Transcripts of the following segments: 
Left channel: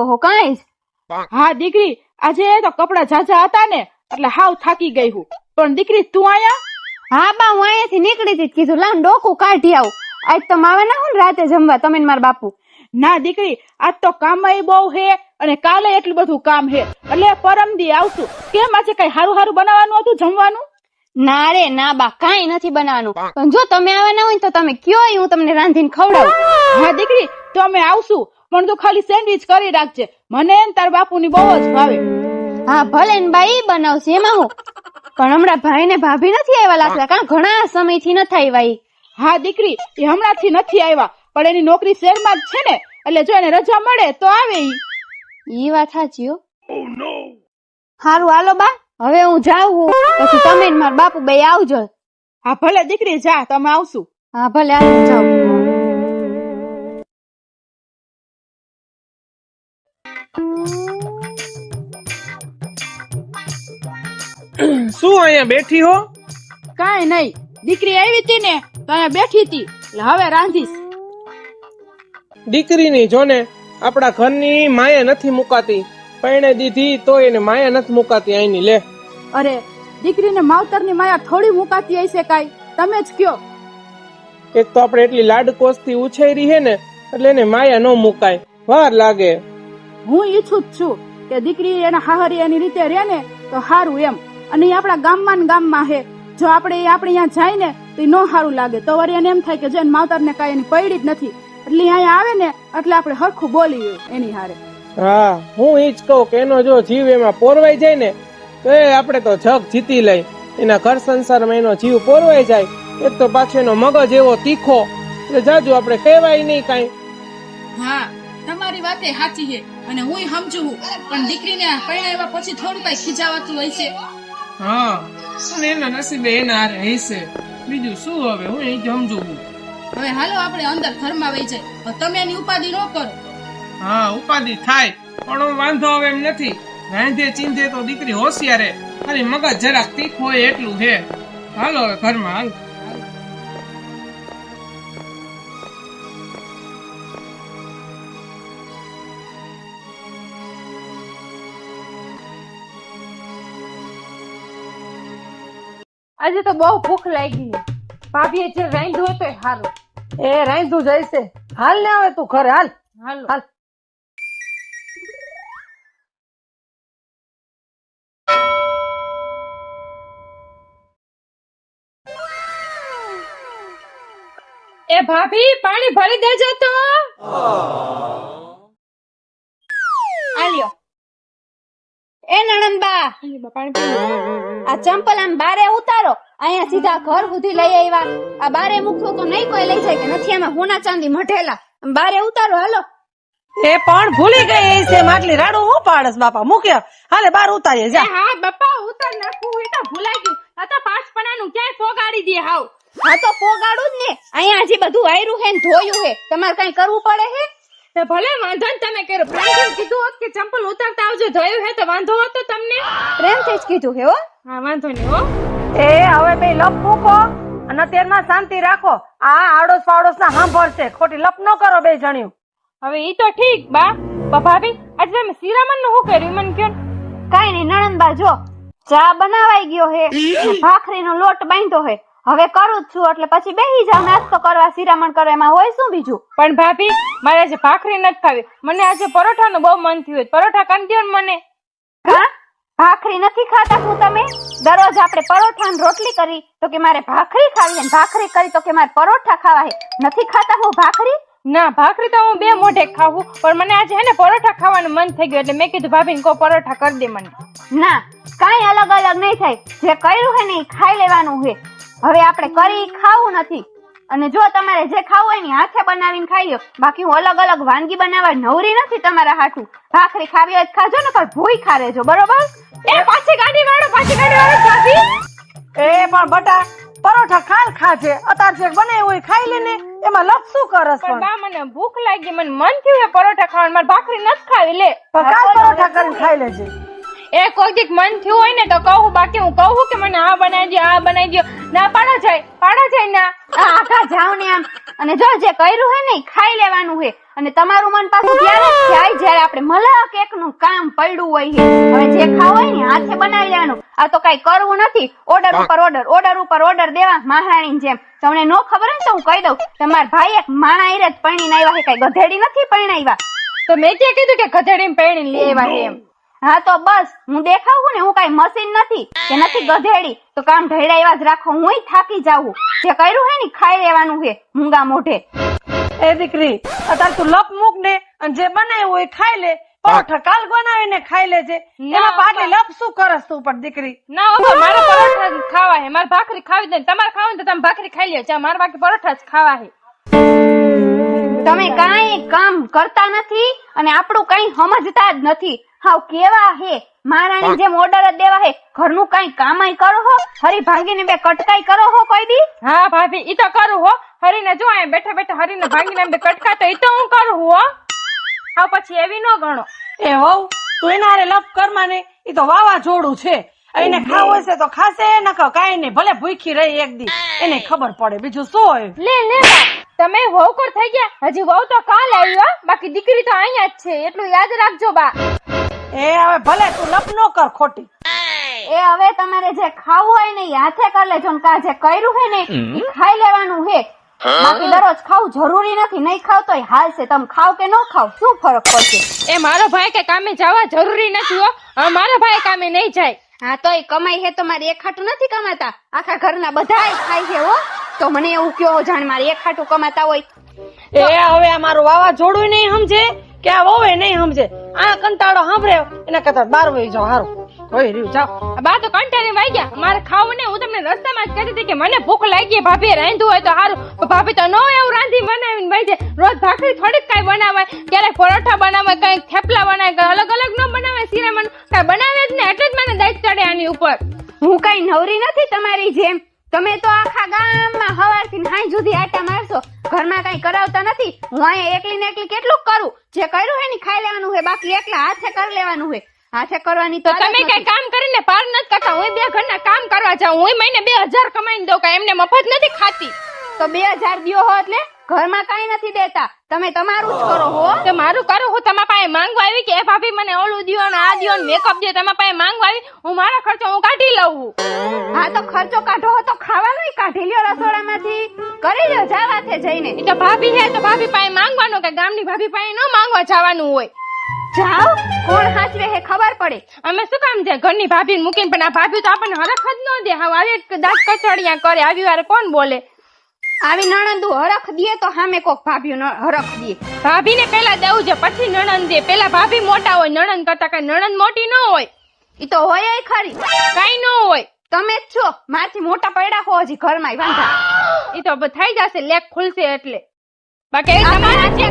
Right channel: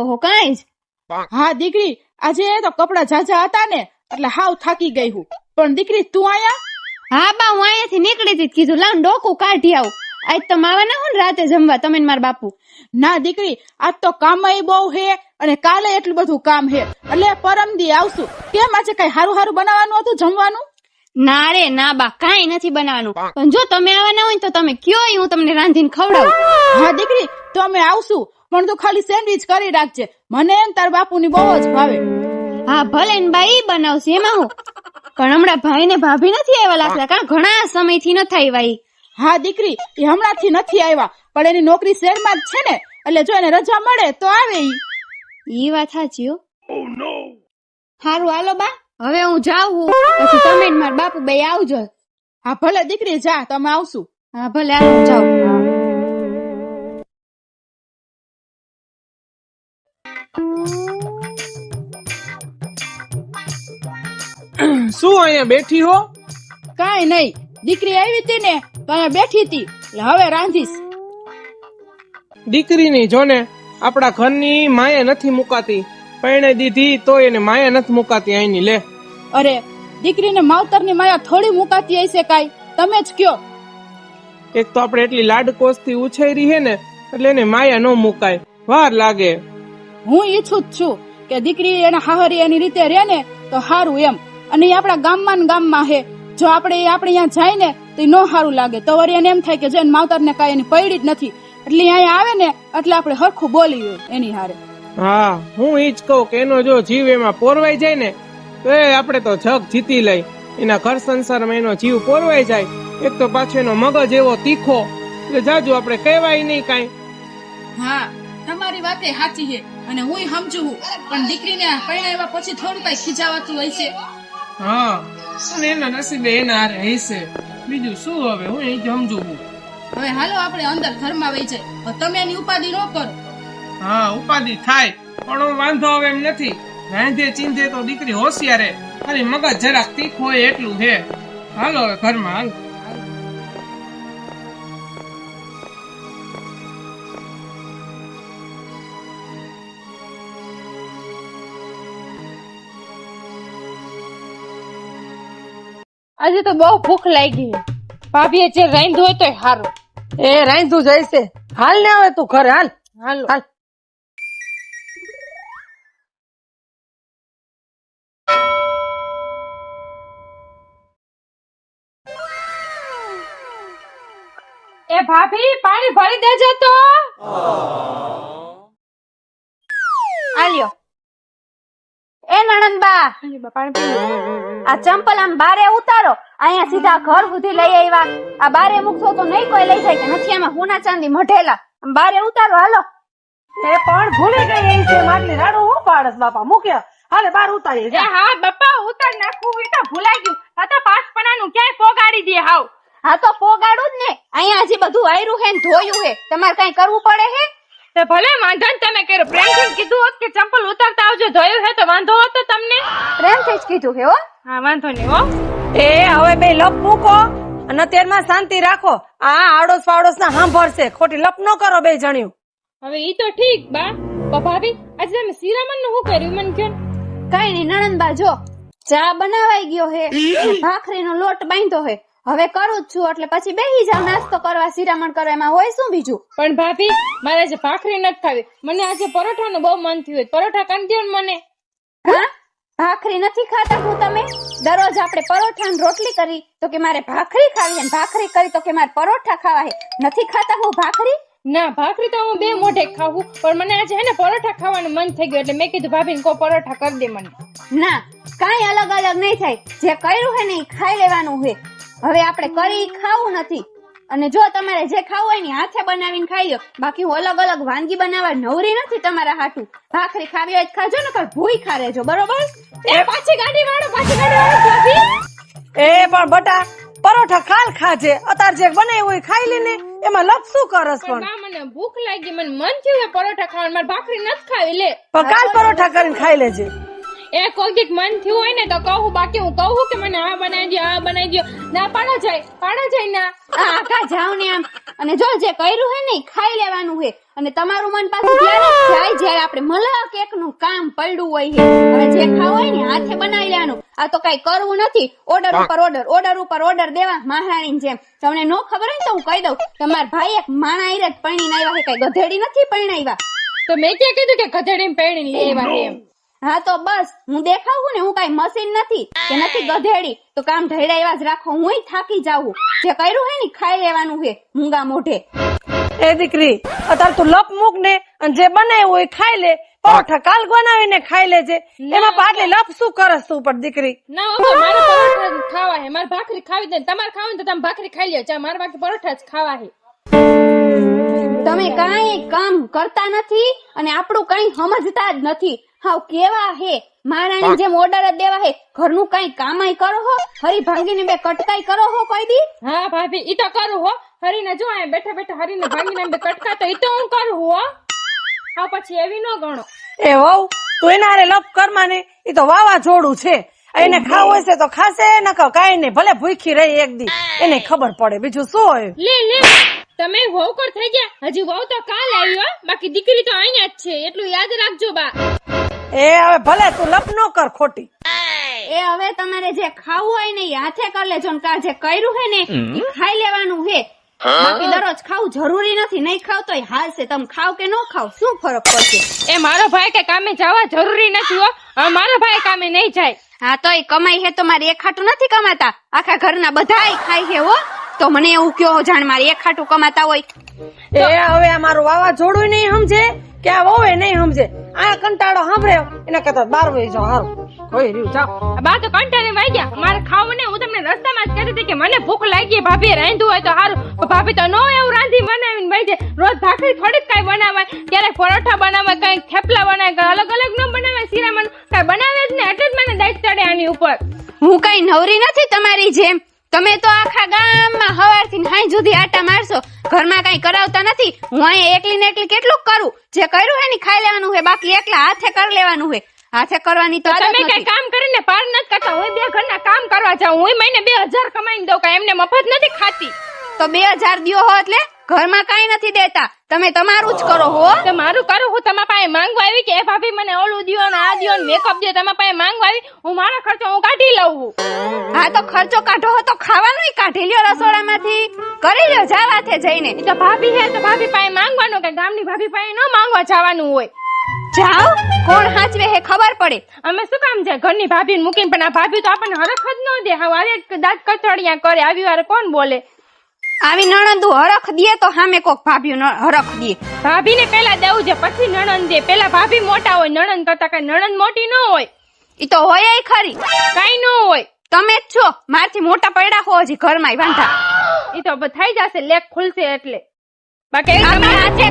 લાગો હો કાંઈ જ. હા દીકરી આજે તો કપડા ઝાઝા હતા ને એટલે હાવ થાકી ગઈ હું. પણ દીકરી તું આયા? હા બા હું અહીંયાથી નીકળી હતી કીધું. લાવ ડોકું કાઢી આવું. આજ તો માવા ના હું રાતે જમવા તમે મારા બાપુ. ના દીકરી આજ તો કામય બહુ હે અને કાલે એટલું બધું કામ હે. એટલે પરમ દી આવશું. કેમ આજે કઈ હારું હારું બનાવવાનું હતું જમવાનું? ના રે ના બા કઈ નથી બનાવવાનું. પણ જો તમે આવવાના હોય તો તમે કયો હું તમને રાંધીને ખવડાવું. હા દીકરી તો અમે આવશું. પણ તું ખાલી સેન્ડવિચ કરી રાખજે. મને ને તાર બાપુની બહુ જ ભાવે. હા ભલે ને ભાઈ બનાવશે એમાં હું? પણ હમણાં ભાઈ ને ભાભી નથી આવ્યા લાગતા કારણ ઘણા સમયથી નથી આવ્યા ઈ. હા દીકરી એ હમણાંથી નથી આવ્યા પણ એની નોકરી શહેરમાં જ છે ને એટલે જો એને રજા મળે તો આવે ઈ. ઈ વાત સાચી હો. હારું હાલો બા. હવે હું જાઉં પછી તમે ને મારા બાપુ બે આવજો. હા ભલે દીકરી જા તમે આવશું. હા ભલે હાલો જાઉં. શું અહીંયા બેઠી હો? કાંઈ નહીં. દીકરી આવી હતી ને તો અહીંયા બેઠી હતી. એટલે હવે રાંધીશ. દીકરીની જોને આપણા ઘરની માયા નથી મુકાતી. પરણે દીધી તો એને માયા નથી મુકાતી અહીંની. લે. અરે દીકરીને માવતરની માયા થોડી મુકાતી હશે કાઈ? તમે જ કયો. એક તો આપણે એટલી લાડકોસથી ઉછેરી હે ને એટલે એને માયા ન મુકાય. વાર લાગે. હું ઈચ્છું જ છું કે દીકરી એના હાહરી એની રીતે રહે ને તો સારું એમ. અને એ આપણા ગામમાં ને ગામમાં હે જો આપણે આપણે અહીંયા જાય ને તો નો સારું લાગે. તો વળી એને એમ થાય કે જેન માવતરને કાંઈ એની પડી જ નથી. એટલે અહીંયા આવે ને એટલે આપણે હરખું બોલીએ એની હારે. હા હું ઈ જ કહું કે એનો જો જીવ એમાં પોરવાઈ જાય ને તો એ આપણે તો જગ જીતી લઈ. એના ઘર સંસારમાં એનો જીવ પોરવાઈ જાય. એક તો પાછો એનો મગજ એવો તીખો. એટલે જાજુ આપણે કહેવાય નહીં કાંઈ. હા તમારી વાત સાચી છે. અને હું સમજુ છું. પણ દીકરીને પરણાવ્યા પછી થોડું કઈ ખીજાવાતું હોય છે. હા અને એના નસીબે એના હારે હશે. બીજું શું હવે? હું એ સમજુ હવે હાલો આપણે અંદર ઘરમાં વહી જાય તમે એની ઉપાધિ ન કરો. હા ઉપાધિ થાય પણ હું વાંધો હવે એમ નથી. રાંધે ચીંધે તો દીકરી હોશિયારે ખાલી મગજ જરાક તીખો હોય એટલું છે. હાલો હવે ઘરમાં હાલ. આજે તો બહુ ભૂખ લાગી. ભાભીએ જે રાંધ્યું હોય તોય સારું એ રાંધું જાય છે હાલ ને આવે તું ઘરે હાલ. હાલ. હાલ. એ ભાભી પાણી ભરી દેજો તો. આલ્યો. એ નણંદબા. આ ચંપલ આમ બારે ઉતારો. અહીંયા સીધા ઘર સુધી લઈ આવ્યા. આ બારે મૂકશો તો નહીં કોઈ લઈ જાય કે નથી? આમાં હોના ચાંદી મઢેલા. બારે ઉતારો હાલો. એ પણ ભૂલી ગઈ એ છે માટલી રાડું હું પાડસ બાપા? મૂક્યા હાલે બાર ઉતારીએ જા. હા બાપા ઉતાર નાખું હોય તો ભૂલાઈ ગયું. આ તો પાંચપણાનું ક્યાંય પોગાડી દે હાવ. હા તો પોગાડું જ ને. અહીંયા હજી બધું આયરું હે ને ધોયું હે તમારે કઈ કરવું પડે હે? તે ભલે વાંધો ને તમે કર્યો. પ્રેમથી કીધું હોત કે ચંપલ ઉતારતા આવજો ધોયું હે તો વાંધો હતો તમને? પ્રેમથી જ કીધું હે હો. હા વાંધો નહીં હો. એ હવે બે લપ મૂકો અને અત્યારમાં શાંતિ રાખો. આ આડોસ પાડોસ ના સાંભળશે ખોટી લપ ન કરો બે જણ્યું. હવે ઈ તો ઠીક બા. ભાભી આજે તમે સીરામનનું શું કર્યું? મને કયો કાઈ કઈ નહીં નણંદબા જો ચા બનાવાઈ ગયો હે. ભાખરીનો લોટ બાંધ્યો હે. હવે કરું જ છું એટલે પછી બેહી જાવ નાસ્તો કરવા શિરામણ કરવા એમાં હોય શું બીજું? પણ ભાભી મારે આજે ભાખરી નથી ખાવી. મને આજે પરોઠાનું બહુ મન થયું પરોઠા કરી મને. હા? ભાખરી નથી ખાતા હું તમે? દરરોજ આપણે પરોઠા ને રોટલી કરી તો કે મારે ભાખરી ખાવી ને ભાખરી કરી તો કે મારે પરોઠા ખાવા હે નથી ખાતા હું ભાખરી? ના ભાખરી તો હું બે મોઢે ખાવું પણ મને આજે હે ને પરોઠા ખાવાનું મન થઈ ગયું એટલે મેં કીધું ભાભીને કો પરોઠા કરી દે મને. ના કાંઈ અલગ અલગ નહીં થાય. જે કર્યું હે ને એ ખાઈ લેવાનું હે હવે આપણે કરી ખાવું નથી. અને જો તમારે જે ખાવું હોય ને હાથે બનાવીને ખાઈ લો બાકી હું અલગ અલગ વાનગી બનાવવા નવરી નથી તમારા હાથું. ભાખરી ખાવી હોય ખાજો ને કર ભૂઈ ખા રેજો બરોબર? એ પાછી ગાડી વાળો પાછી ગાડી વાળો એ પણ બટા પરોઠા કાલ ખાજે. અતાર જે બને હોય ખાઈ લેને એમાં લપ શું કરસ પણ પણ? બા મને ભૂખ લાગી મને મન થયું છે પરોઠા ખાવાનું. મારે ભાખરી નથી ખાવી લે. કાલ પરોઠા કરીને ખાઈ લેજે. એ કોઈક દીક મન થયું હોય ને તો કહું બાકી હું કહું કે મને આ બનાવી દો આ બનાવી દો ના પાડો જાય પાડો જાય ના. આખા જાવ ને આમ. અને જો જે કર્યું હે ને ખાઈ લેવાનું હે. અને તમારું મન પાછું ત્યારે જાય જ્યારે આપણે મલા કેકનું કામ પડ્યું હોય છે હવે જે ખાવું હોય ને હાથે બનાવી લેવાનું. આ તો કઈ કરવું નથી. ઓર્ડર ઉપર ઓર્ડર ઓર્ડર ઉપર ઓર્ડર દેવા મહારાણી જેમ. તમને નો ખબર હોય ને તો હું કહી દઉં તમારા ભાઈ એક માણા ઈરે જ પરણીને આવ્યા છે કઈ ગધેડી નથી પરણાવ્યા તો મેં ક્યાં કીધું કે ગધેડી પરણી લેવા એમ? હા તો બસ. હું દેખાવું ને હું કઈ મશીન નથી કે નથી ગધેડી. તો કામ ઢળ્યા એવા જ રાખો હું થાકી જાઉં. જે કર્યું હે ને ખાઈ લેવાનું હે મૂંગા મોઢે. એ દીકરી અત્યારે તું લપ મૂક ને અને જે બનાવ્યું હોય ખાઈ લે. પરોઠા કાલ બનાવીને ખાઈ લેજે. એમાં પાટલી લપ શું કરસ તું ઉપર દીકરી? ના મારે પરોઠા ખાવા હે. મારે ભાખરી ખાવી દે તમારે ખાવું તો તમે ભાખરી ખાઈ લ્યો ચા મારે બાકી પરોઠા જ ખાવા હે. તમે કાંઈ કામ કરતા નથી અને આપણું કઈ સમજતા જ નથી. હાવ કેવા હે? મારાની જેમ ઓર્ડર જ દેવા હે ઘરનું કઈ કામાય કરો હો? હરી ભાંગીને બે કટકાઈ કરો હો કોઈ દી? હા ભાભી ઈ તો કરું હો. હરીને જો અહીં બેઠા બેઠા હરીને ભાંગીને બે કટકા તો ઈ તો હું કરું હો. હા પછી એવી ન ગણો. એ હો તું એના હારે લપ કર માને. ઈ તો વાવાઝોડું છે. એને ખાવું હશે તો ખાશે ન કહો કાઈ નહીં. ભલે ભૂખી રહી એક દી. એને ખબર પડે. બીજું શું હોય? લે લે. તમે વહુકર થઈ ગયા? હજી વહુ તો કાલ આવ્યો બાકી દીકરી તો અહીંયા જ છે. એટલું યાદ રાખજો બા. એ હવે ભલે તું લપ નો કર ખોટી. એ હવે તમારે જે ખાવું હોય ને એ હાથે કરી લેજો ને જે કર્યું હે ને એ ખાઈ લેવાનું હે. બાકી દરરોજ ખાવું જરૂરી નથી. નહીં ખાવ હાલ હાલશે તમે ખાવ કે ન ખાવ? શું ફરક પડશે? એ મારો ભાઈ કે કામે જવા જરૂરી નથી હો. હવે મારો ભાઈ કામે નહીં જાય. હા તોય કમાઈ હે તો મારે એક ખાટું નથી કમાતા. આખા ઘરના બધા ખાય છે હો. તો મને એવું કયો જાણ મારે એક ખાટું કમાતા હોય. એ હવે આ મારું વાવાઝોડું નહીં સમજે કે આ વહુ નહીં સમજે. આ કંટાળો સાંભળ્યો? એના કરતા બાર વહી જાઓ હારું. હોય રહ્યું જાઓ. બા તો કંટાળી વાઈ ગયા. મારે ખાવું ને હું તમને રસ્તામાં જ કહેતી હતી કે મને ભૂખ લાગી ભાભી રાંધ્યું હોય તો સારું ભાભી તો નો એવું રાંધી બનાવીને ભાઈ જાય. રોજ ભાખરી થોડીક કાંઈ બનાવે ક્યારેક પરોઠા બનાવે કઈ થેપલા બનાવે કઈ અલગ અલગ ન બનાવે શિરામણ કઈ બનાવે જ ને એટલે જ મને દાંત ચડે આની ઉપર. હું કઈ નવરી નથી તમારી જેમ. તમે તો આખા ગામમાં હવારથી હાઈ જુદી આટા મારશો. ઘરમાં કઈ કરાવતા નથી. હું અહીં એકલી ને એકલી કેટલું કરું? જે કર્યું હે ને ખાઈ લેવાનું હે બાકી એકલા હાથે કરી લેવાનું હે હાથે કરવાની તો તમે કઈ કામ કરીને પાર નથી કાકા હું બે ઘરના કામ કરવા જાઉં. હું મહિને બે હજાર કમાઈને દઉં. કઈ એમને મફત નથી ખાતી. તો બે દિયો દ્યો હો એટલે? ઘરમાં કઈ નથી દેતા. તમે તમારું જ કરો હો. તો મારું કરું હું તમારા પાસે માંગવા આવી કે એ ભાભી મને ઓલું દિયો ને આ દિયો ને મેકઅપ દે તમારા પાસે માંગવા આવી હું મારો ખર્ચો હું કાઢી લઉં હા. તો ખર્ચો કાઢો હો તો ખાવાનું કાઢી લ્યો રસોડામાંથી. કરી લ્યો જાવાથે જઈને. તો ભાભી હે તો ભાભી પાસે માંગવાનું કે ગામની ભાભી પાસે ન માંગવા જવાનું હોય. જાઓ કોણ હાચવે હે ખબર પડે. અમે શું કામ છે ઘરની ભાભી મૂકીને પણ આ ભાભી તો આપણને હરખ જ ન દે. હવે દાંત કચડિયા કરે આવી વાર કોણ બોલે? આવી નણંદુ હરખ દે તો સામે કોક ભાભી હરખ દે. ભાભીને પેલા દેવું છે પછી નણંદ દે. પેલા ભાભી મોટા હોય નણંદ કરતા કઈ નણંદ મોટી ન હોય. ઈ તો હોય ખરી. કઈ ન હોય. તમે જ છો. મારથી મોટા પડ્યા હો હજી ઘરમાં વાંધા. ઈ તો થઈ જશે લેખ ખુલશે એટલે. બાકી તમે આજે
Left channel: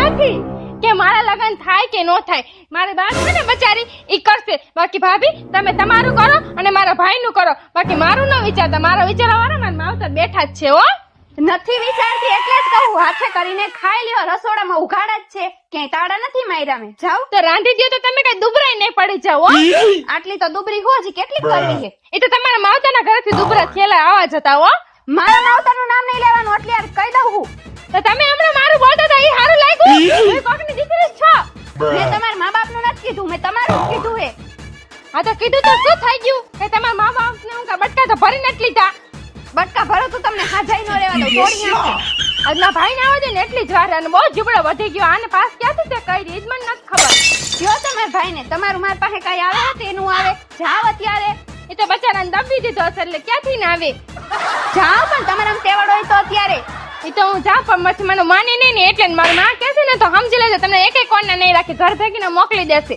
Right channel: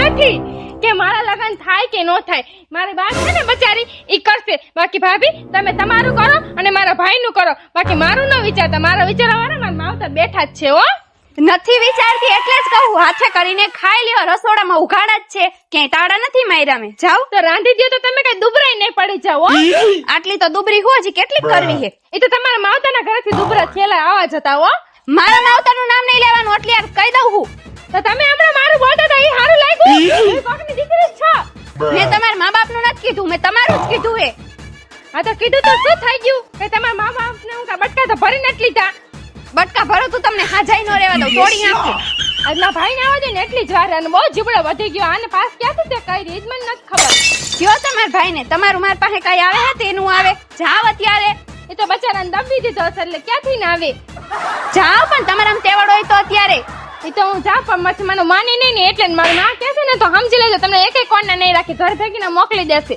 નથી. કે મારા લગ્ન થાય કે ન થાય? મારી બા છે ને બચારી ઈ કરશે. બાકી ભાભી તમે તમારું કરો અને મારા ભાઈનું કરો. બાકી મારું ન વિચારતા. મારા વિચારવાળા મારા માવતર બેઠા જ છે હો. નથી વિચારતી એટલે જ કહું. હાથે કરીને ખાઈ લેવા રસોડામાં ઉઘાડા જ છે. ક્યાંય તાળા નથી માર્યા મેં. જાઓ. તો રાંધી દો તો તમે કઈ દુબરાઈ નહીં પડી જાઓ આટલી તો દુબરી હોય છે કેટલી કરવી છે? એ તો તમારા માવતરના ઘરેથી દુબરા થયેલા આવા જતા હો. મારા માવતરનું નામ નહીં લેવાનું એટલે કહી દઉં હું. તો તમે હમણાં મારું બોલતા હતા એ સારું લાગ્યું. એ કોકની દીકરી છો. મેં તમારા મા બાપનું નથી કીધું મેં તમારું જ કીધું એ. હા તો કીધું તો શું થઈ ગયું? કે તમારા મા બાપને હું બટકા તો ભરી નથી લીધા? બટકા ભરો તું તમને ખાજાઈ નો રહેવા દઉં તોડી આજના ભાઈ ને આવે ને એટલી જ વાર અને બહુ જીબડો વધી ગયો. આને પાસ ક્યાંથી તે કઈ રીત મને નથી ખબર. જો તમાર ભાઈ ને તમારું માર પાસે કઈ આવે ને તેનું આવે. જાવ અત્યારે. એ તો બચારાને દબી દીધો છે એટલે ક્યાંથી ને આવે? જાવ પણ તમારા તેવાડો હોય તો અત્યારે. એ તો હું જા પણ પછી મને માની નહીં ને એટલે મારું માં કહેશે ને તો સમજી લેજો. તમને એક એક કોણને નહીં રાખી ઘર ભેગીને મોકલી દેશે.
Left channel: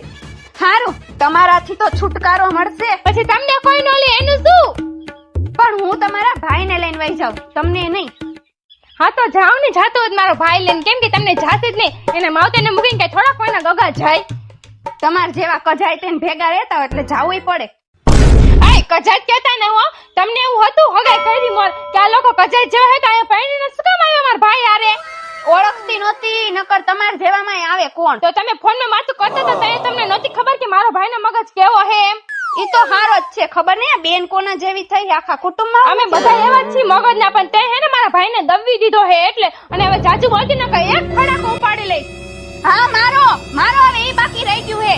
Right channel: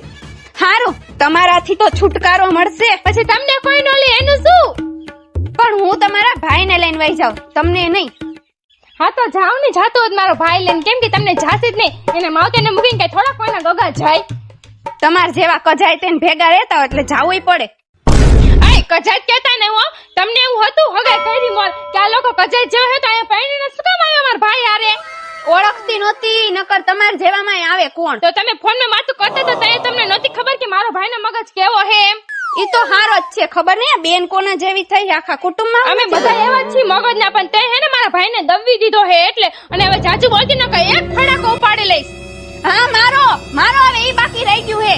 સારું તમારાથી તો છુટકારો મળશે. પછી તમને કોઈ ન લે એનું શું? પણ હું તમારા ભાઈને લઈને વહી જાઉં તમને નહીં. હા તો જાઓ ને જાતો જ મારો ભાઈ લઈને. કેમ કે તમને જાશે જ નહીં. એને માવતરને મૂકીને કઈ થોડા કોઈના ગગા જાય. તમાર જેવા કજાય તેને ભેગા રહેતા હોય એટલે જાવું પડે. કજાત કહેતા ને હો તમને એવું હતું? હવે કરી મોર કે આ લોકો કજાત જેવા હતા એ પાણીને શું કામ આવ્યો મારા ભાઈ હારે? ઓળખતી નહોતી નકર તમાર જેવામાં આવે કોણ? તો તમે ફોનમાં માતું કરતા હતા ત્યારે તમને નહોતી ખબર કે મારો ભાઈનો મગજ કેવો હે એમ? ઈ તો હારો જ છે ખબર નહીં આ બેન કોના જેવી થઈ આખા કુટુંબમાં? અમે બધા એવા જ છીએ મગજ ના પણ તે હે ને મારા ભાઈને દબવી દીધો હે એટલે અને હવે જાજુ બોલતી ન કઈ એક ફડાકો ઉપાડી લઈશ. હા મારો મારો હવે ઈ બાકી રહી ગયું હે.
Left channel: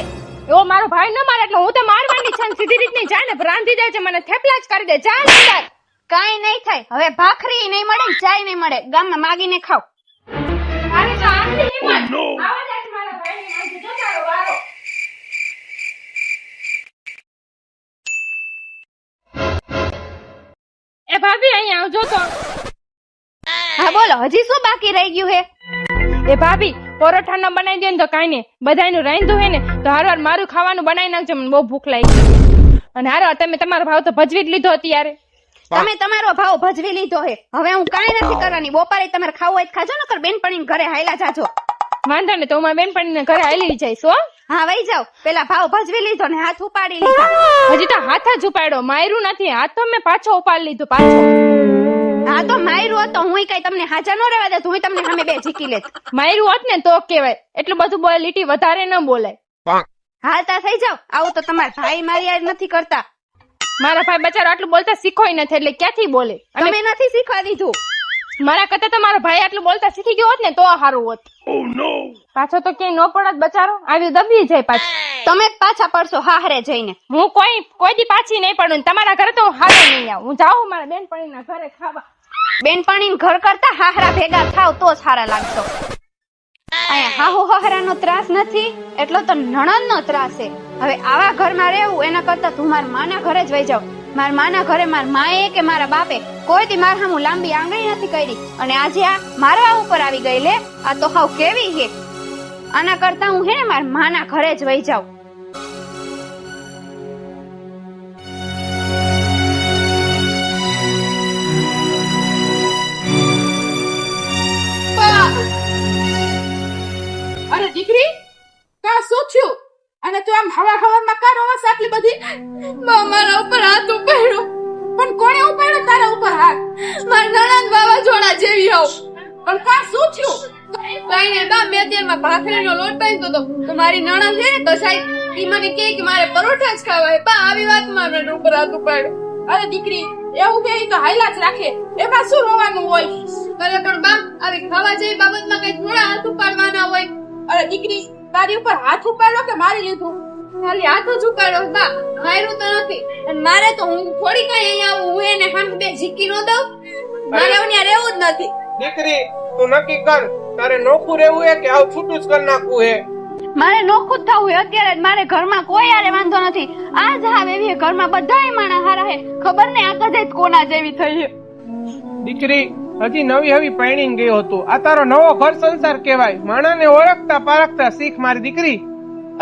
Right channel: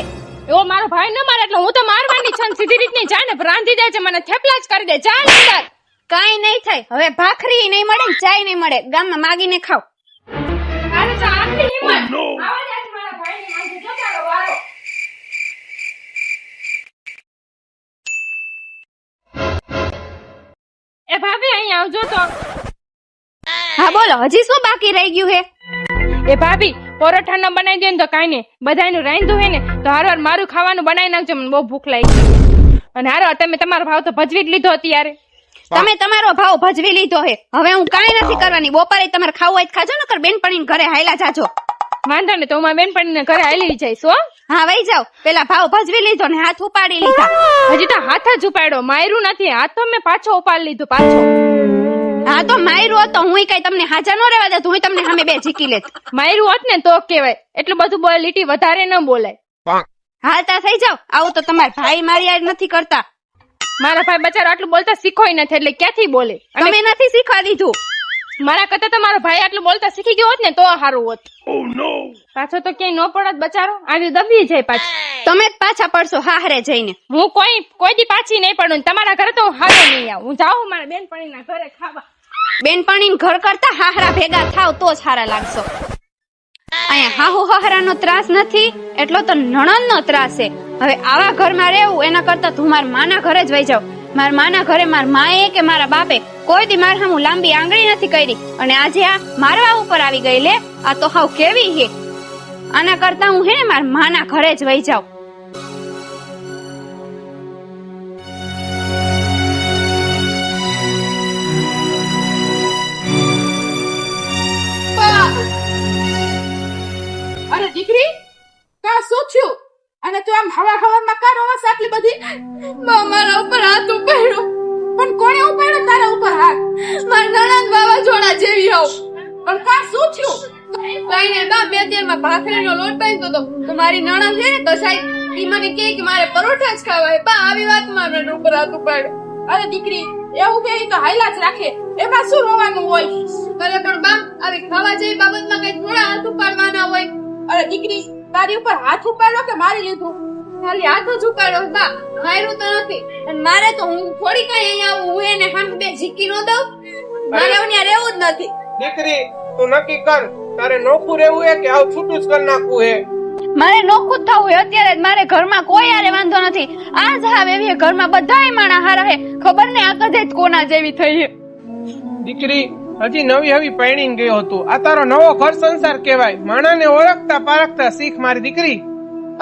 એવો મારો ભાઈ ન મારે એટલે હું તો મારવાની છે સીધી રીતની જાય ને રાંધી દે છે મને થેપલા જ કરી દે જા ને અંદર. કાઈ નહીં થાય હવે ભાખરી નહીં મળે ચાય નહીં મળે ગામમાં માગીને ખાવ અરે તો આટલી હિંમત. આવા દે મારા ભાઈને માંગે, જો તારો વારો. એ ભાભી અહીંયા આવજો તો હા બોલો હજી શું બાકી રહી ગયું હે એ ભાભી પરોઠા ન બનાવી દે ને તો કાંઈ નહીં. બધાયનું રાંધું હે ને તો હાર વાર મારું ખાવાનું બનાવી નાખજો મને બહુ ભૂખ લાગી. અને હારો તમે તમારો ભાવ તો ભજવી જ લીધો અત્યારે. તમે તમારો ભાવ ભજવી લીધો હે. હવે હું કાંઈ નથી કરવાની. બપોરે તમારે ખાવું હોય ખાજો ને કર બેનપણી ઘરે હાયલા જાજો. વાંધો ને તો હું બેનપણી ને ઘરે હાલી જઈશ હો. હા વહી જાવ પેલા ભાવ ભજવી લીધો ને હાથ ઉપાડી લીધો. હજી તો હાથ જ ઉપાડ્યો. માર્યું નથી. હાથ તો મેં પાછો ઉપાડી લીધો પાછો. હા તો માયરું હોત તો હું કઈ તમને હાજા ન રહેવા દે હું તમને સામે બે જીકી લેત. માર્યું હોત ને તો કેવાય એટલું બધું બોલે લીટી વધારે ન બોલાય. હાલતા થઈ જાવ આવું તો તમારા ભાઈ મારી યાર નથી કરતા. મારા ભાઈ બચારો આટલું બોલતા શીખોય નથી એટલે ક્યાંથી બોલે? તમે નથી શીખવા દીધું. મારા કરતા તો મારો ભાઈ આટલું બોલતા શીખી ગયો હોત ને તો સારું હોત. પાછો તો ક્યાંય ન પડત બચારો આવી દબી જાય પાછો. તમે જ પાછા પડશો હાહરે જઈને. હું કોઈ કોઈ દી પાછી નહીં પડું તમારા ઘરે તો હું હારે નહીં આવું. હું જાઉં મારા બેનપણીના ઘરે ખાવા. બેનપણીને ઘર કરતા હાહરા ભેગા થાવ તો હારા લાગશો. અહીંયા હાહુ હાહરાનો ત્રાસ નથી, એટલો તો નણંદનો ત્રાસ છે. હવે આવા ઘરમાં રહેવું, એના કરતા તું મારા માના ઘરે જ વહી જાવ. મારા માના ઘરે મારા માએ કે મારા બાપે કોઈ દી મારા હામું લાંબી આંગળી નથી કરી. અને આજે આ મારવા ઉપર આવી ગઈ લે આ તો હાવ કેવી હે આના કરતા હું હે ને મારા માના ઘરે જ વહી જાઉં હવામાં આટલી બધી? મારા ઉપર હાથ ઉપાડ્યો. પણ કોણે ઉપાડ્યો તારા ઉપર હાથ? મારા નણંદ વાવાઝોડા જેવી હોવ પણ કા શું થયું? કઈ ને બા, બે તેલમાં ભાખરીનો લોટ બાંધ્યો તો તો મારી નણંદ છે ને, તો ઈ મને કહે કે મારે પરોઠા જ ખાવા હે બા, આવી વાતમાં મને ઉપર હાથ ઉપાડ્યો. અરે દીકરી, એવું કે તો હાઈલા જ રાખે. એમાં શું રોવાનું હોય? અરે પણ બા અરે ખાવા જેવી બાબતમાં કઈ થોડા હાથ ઉપાડવાના હોય? અરે દીકરી, તારી ઉપર હાથ ઉપાડ્યો કે મારી લીધું? ખાલી હાથ જ ઉપાડ્યો બા. માર્યું તો નથી. અને મારે તો હું થોડી કઈ અહીંયા આવું હું એને હામ બે ઝીકી નો દઉં. મારે અહીંયા રહેવું જ નથી. દીકરી તું નક્કી કર તારે નોખું રહેવું હે કે આવ છૂટું જ કરી નાખવું હે? મારે નોખું થવું હે અત્યારે મારે ઘરમાં કોઈ આરે વાંધો નથી. આ જ હાવ એવી ઘરમાં બધાય માણા હારા હે. ખબર ને આ કદે જ કોના જેવી થઈ હે. દીકરી હજી નવી હવી પૈણી ગયો હતો. આ તારો નવો ઘર સંસાર કહેવાય. માણાને ઓળખતા પારખતા શીખ મારી દીકરી.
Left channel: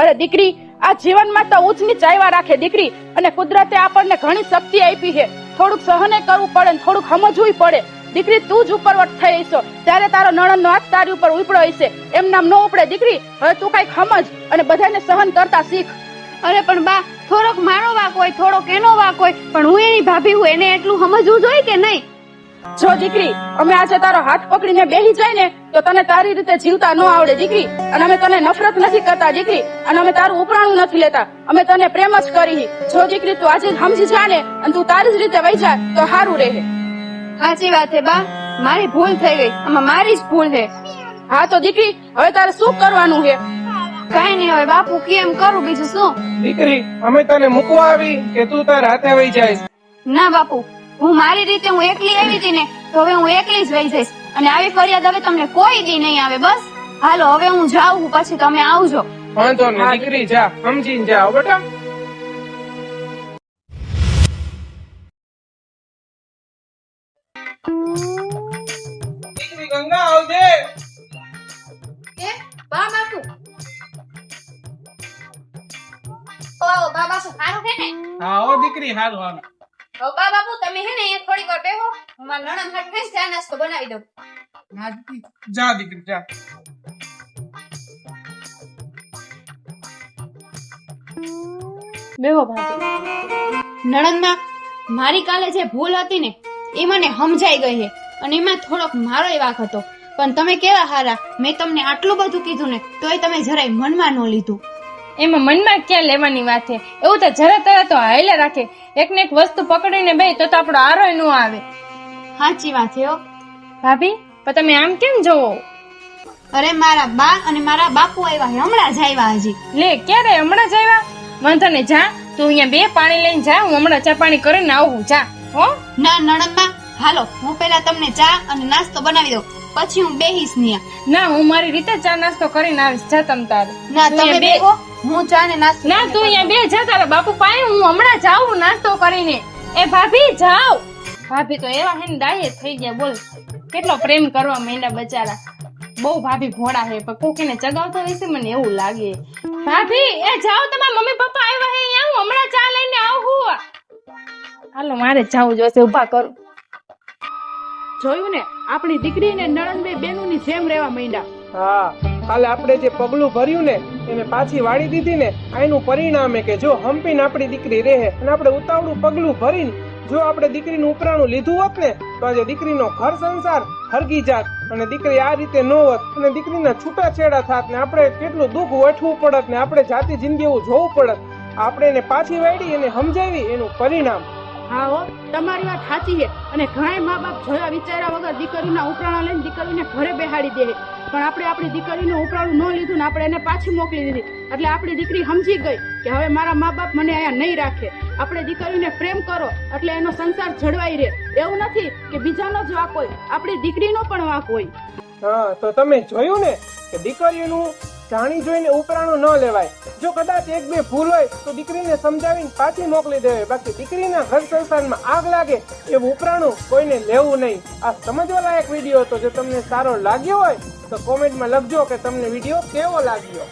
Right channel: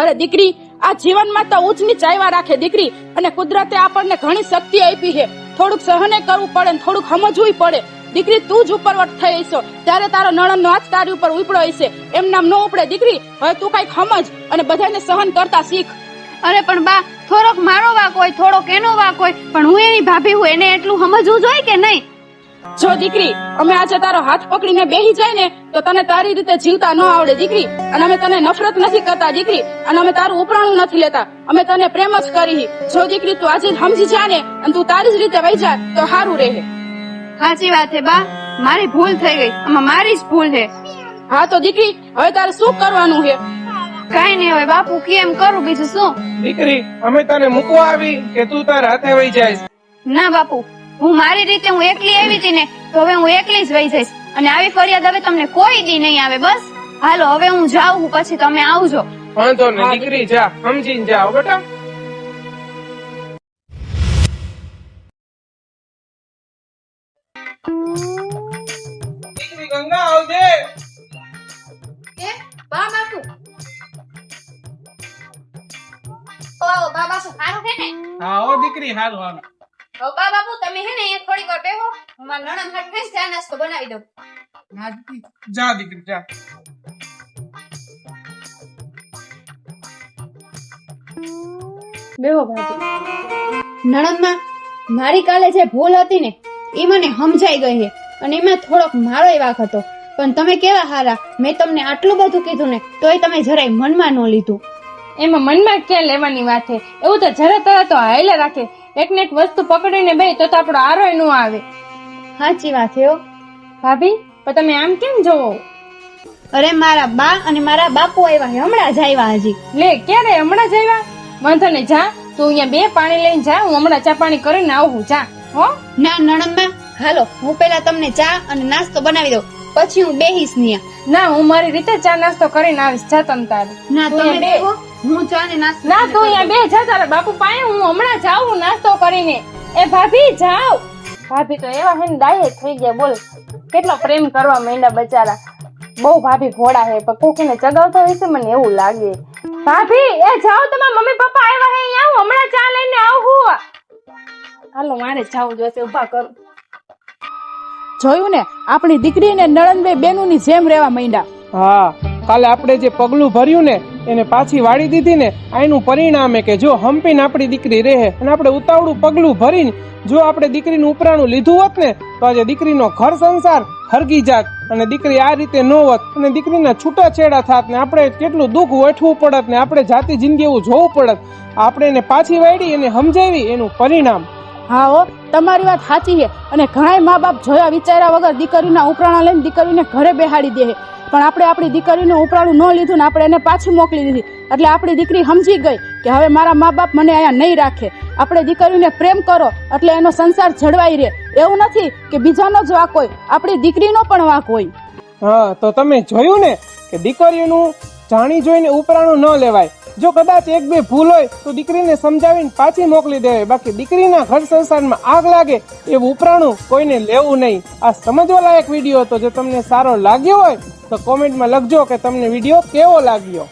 અરે દીકરી આ જીવનમાં તો ઉચ્ચ નીચ આવ્યા રાખે દીકરી, અને કુદરતે આપણને ઘણી શક્તિ આપી છે. થોડુંક સહને કરવું પડે ને થોડુંક સમજવું પડે. દીકરી, તું જ ઉપરવટ થઈ હશો ત્યારે તારો નણંદ નો હાથ તારી ઉપર ઉપડો હશે એમ નામ ન ઉપડે દીકરી. હવે તું કઈ સમજ અને બધાને સહન કરતા શીખ. અરે, પણ બા, થોડોક મારો વાક હોય, થોડોક એનો વાક હોય, પણ હું એની ભાભી હું એને એટલું સમજવું જોઈએ કે નહીં? જો દીકરી અમે આજે તારો હાથ પકડીને બેહી જાય ને તો તને તારી રીતે જીવતા ન આવડે દીકરી. અને અમે તને નફરત નથી કરતા દીકરી. અને અમે તારું ઉપરાણું નથી લેતા. અમે તને પ્રેમ જ કરી જો દીકરી તું આજે સમજી જા ને અને તું તારી જ રીતે વહી જા તો સારું રહે. સાચી વાત છે બા. મારી ભૂલ થઈ ગઈ. આમાં મારી જ ભૂલ છે. હા તો દીકરી હવે તારે શું કરવાનું છે? કાઈ નહીં હવે બાપુ કેમ કરું બીજું શું? દીકરી અમે તને મૂકવા આવી કે તું તારા હાથે વહી જાય. ના બાપુ. હું મારી રીતે હું એકલી આવી હતી ને તો હવે હું એકલી જ રહી જઈશ. અને આવી ફરિયાદ હવે તમને કોઈ દી નહીં આવે બસ. હાલો હવે હું જાઉં પછી તમે આવજો. વાંધો નહીં દીકરી જા સમજીને જાઓ બેટા. દીકરી ગંગા આવજે. કે બા બાપુ ઓ બા બાપુ સારું છે ને? હા હો દીકરી હારું હારું. હવે બાપુ તમે હે ને અહીંયા થોડી વાર બેહો. હું મારા નણંદ હાથ ફેસ ચા નાસ્તો બનાવી દઉં. ના દીકરી. જા દીકરી જા. બેહો ભાભી નણંદના મારી કાલે જે ભૂલ હતી ને એ મને સમજાઈ ગઈ છે. અને એમાં થોડોક મારો વાક હતો. પણ તમે કેવા હારા? મેં તમને આટલું બધું કીધું ને તોય તમે જરાય મનમાં ન લીધું. એમાં મનમાં ક્યાં લેવાની વાત છે? એવું તો જરા તરા તો હાયલા રાખે. એક ને એક વસ્તુ પકડીને બે તો તો આપણો આરોય ન આવે. સાચી વાત છે હો. ભાભી પણ તમે આમ કેમ જોવો? અરે મારા બા અને મારા બાપુ આવ્યા છે હમણાં જ આવ્યા હજી. લે ક્યારે હમણાં જ આવ્યા વાંધો ને જા. તું અહીંયા બે પાણી લઈને જા હું હમણાં ચા પાણી કરીને આવું જા. હો? ના નણંદમાં હાલો હું પેલા તમને ચા અને નાસ્તો બનાવી દઉં. પછી હું બેહીશ નહીં. ના હું મારી રીતે ચા નાસ્તો કરીને આવીશ. જા તમ તારે. ના તમે બે. હું ચા ને નાસ્તો ના તું અહીંયા બે. જા તારા બાપુ પાસે. હું હમણાં જાઉં નાસ્તો કરીને. એ ભાભી જાઓ. ભાભી તો એવા હે ને થઈ ગયા બોલ. કેટલો પ્રેમ કરવા માંડ્યા બચારા. બહુ ભાભી ઘોડા હે પણ કોકીને ચગાવતો હોય છે મને એવું લાગે. ભાભી એ જાઓ તમે મમ્મી પપ્પા આવ્યા હે અહીંયા. હું હમણાં ચા લઈને આવું. હાલો મારે જાવું જોશે ઊભા કરું. જોયું ને, આપણી દીકરી ને નળનભાઈ બેનુની જેમ રહેવા માંડ્યા. હા, કાલે આપણે જે પગલું ભર્યું ને, એને પાછી વાળી દીધી ને આનું પરિણામે કે જો હંપીને આપણી દીકરી રહે અને આપણે ઉતાવળું પગલું ભરીને જો આપણે દીકરીનું ઉપરાણું લીધું હોત ને, તો આજે દીકરીનો ઘર સંસાર ખરગી જાત અને દીકરી આ રીતે ન હોત અને દીકરીના છૂટાછેડા થાત ને આપણે કેટલું દુઃખ વેઠવું પડત ને આપણે જાતિ જિંદગી એવું જોવું પડત. આપણે એને પાછી વાળી એને સમજાવી એનું પરિણામ. હા હો, તમારી વાત સાચી છે. અને ઘણા મા બાપ જોયા વિચાર્યા વગર દીકરીના ઉપરાણા લઈને દીકરીને ઘરે બેહાડી દે. પણ આપણે આપણી દીકરીનું ઉપરાણું ન લીધું ને આપણે એને પાછી મોકલી દીધી. એટલે આપણી દીકરી સમજી ગઈ કે હવે મારા મા બાપ મને અહીંયા નહીં રાખે. આપણે દીકરીને પ્રેમ કરો, એટલે એનો સંસાર જળવાઈ રહે. એવું નથી કે બીજાનો જ વાંક હોય, આપણી દીકરીનો પણ વાંક હોય. હા, તો તમે જોયું ને કે દીકરીનું જાણી જોઈને ઉપરાણું ન લેવાય. જો કદાચ એક બે ભૂલ હોય તો દીકરીને સમજાવીને પાછી મોકલી દેવાય. બાકી દીકરીના ઘર સંસારમાં આગ લાગે એવું ઉપરાણું કોઈને લેવું નહીં. આ સમજવા લાયક વીડિયો હતો. જો તમને સારો લાગ્યો હોય તો કોમેન્ટમાં લખજો કે તમને વીડિયો કેવો લાગ્યો.